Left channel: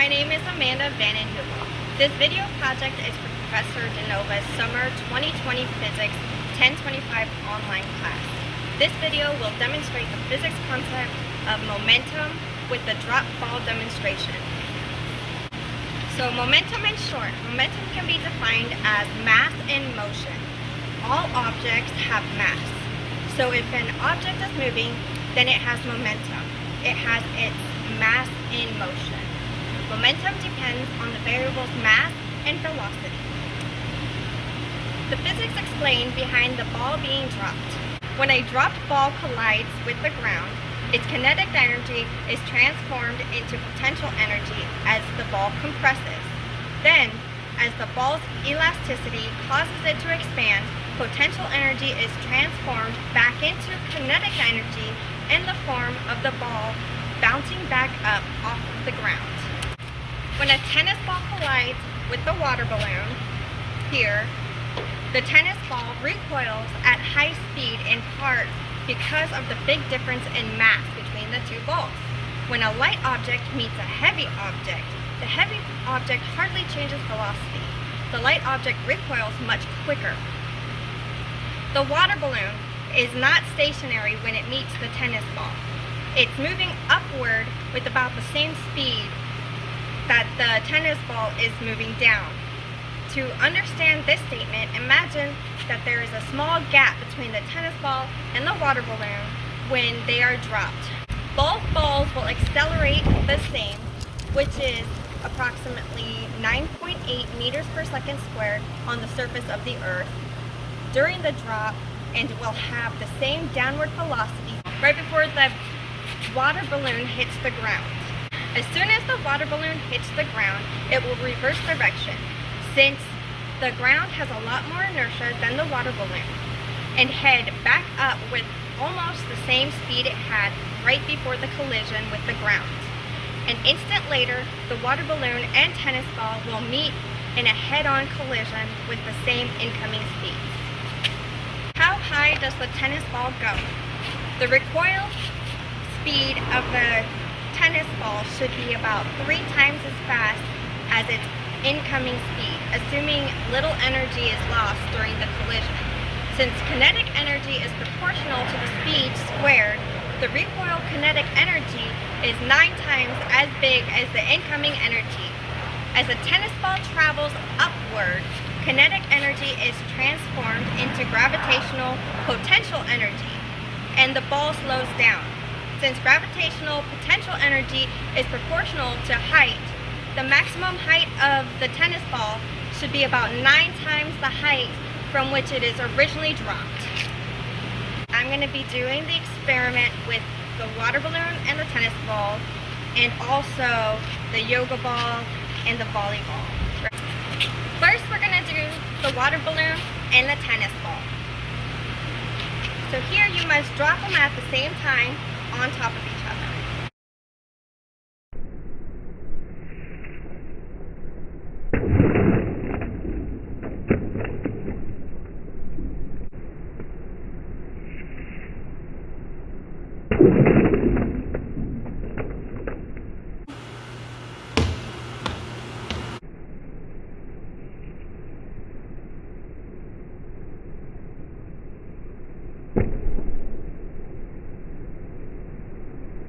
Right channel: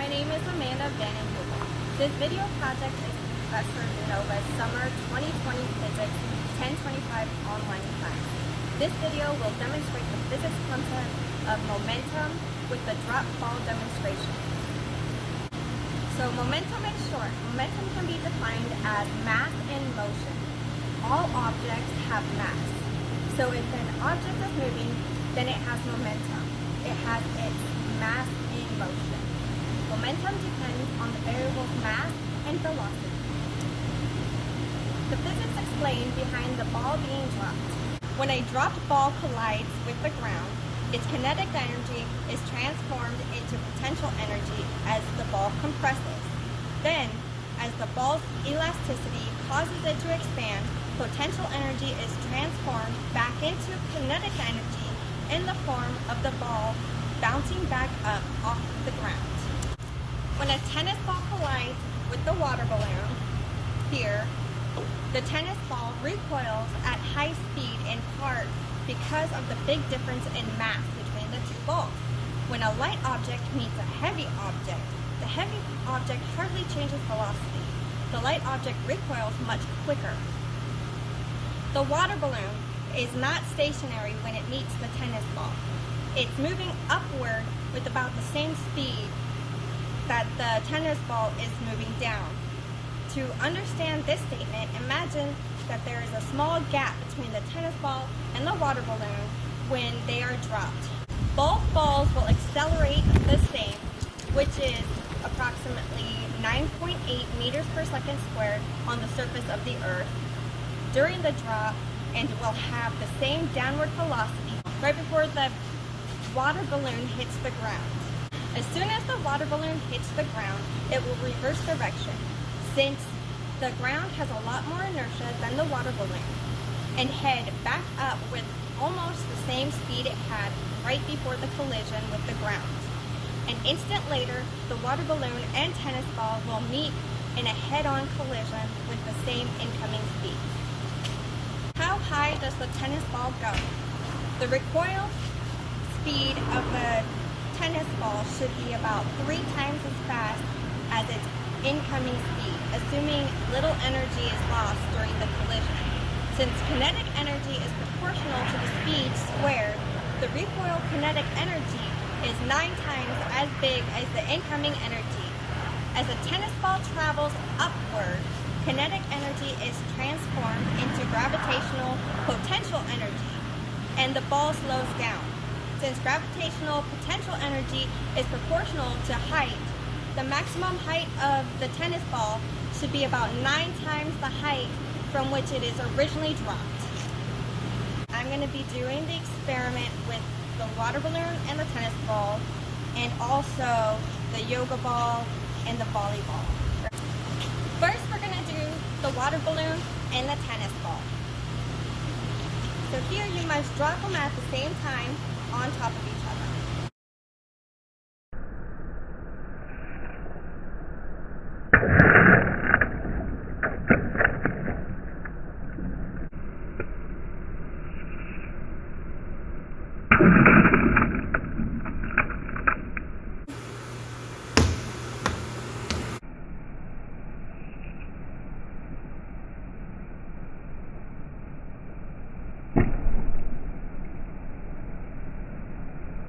my name is Amanda Vanden Heuvel. This video project is for Professor DeNova's Summer 2020 Physics 1025 online class. This video will demonstrate the physics concept of momentum with the drop ball demonstration. So momentum in short, momentum can be defined as mass in motion. All objects have mass. So if an object is moving, then it has momentum. It has its mass in motion. Momentum depends on the variables mass and velocity. The physics explained behind the ball being dropped. When a dropped ball collides with the ground, its kinetic energy is transformed into potential energy as the ball compresses. Then, as the ball's elasticity causes it to expand, potential energy is transformed back into kinetic energy in the form of the ball bouncing back up off the ground. When a tennis ball collides with the water balloon, here, the tennis ball recoils at high speed in part because of the big difference in mass between the two balls. When a light object meets a heavy object, the heavy object hardly changes velocity. The light object recoils much quicker. The water balloon is not stationary when it meets the tennis ball. It's moving upward with about the same speed that the tennis ball is moving down. To understand this statement, imagine that there is a small gap between the tennis ball and the water balloon when they are dropped. Both balls will accelerate the same, which is approximately 9.8 meters per second squared on the surface of the Earth during the drop, and will have the same downward velocity right before the water balloon hits the ground. As soon as the water balloon hits the ground, it will reverse direction, since the ground has a lot more inertia than the water balloon, and head back up with almost the same speed it had right before the collision with the ground. An instant later, the water balloon and tennis ball will meet in a head-on collision with the same incoming speed. How high does the tennis ball go? The recoil speed of the tennis ball should be about 3 times as fast as its incoming speed, assuming little energy is lost during the collision. Since kinetic energy is proportional to the speed squared, the recoil kinetic energy is 9 times as big as the incoming energy. As the tennis ball travels upward, kinetic energy is transformed into gravitational potential energy, and the ball slows down. Since gravitational potential energy is proportional to height, the maximum height of the tennis ball should be about 9 times the height from which it is originally dropped. I'm going to be doing the experiment with the water balloon and the tennis ball, and also the yoga ball and the volleyball. First, we're going to do the water balloon and the tennis ball. So here you must drop them at the same time on top of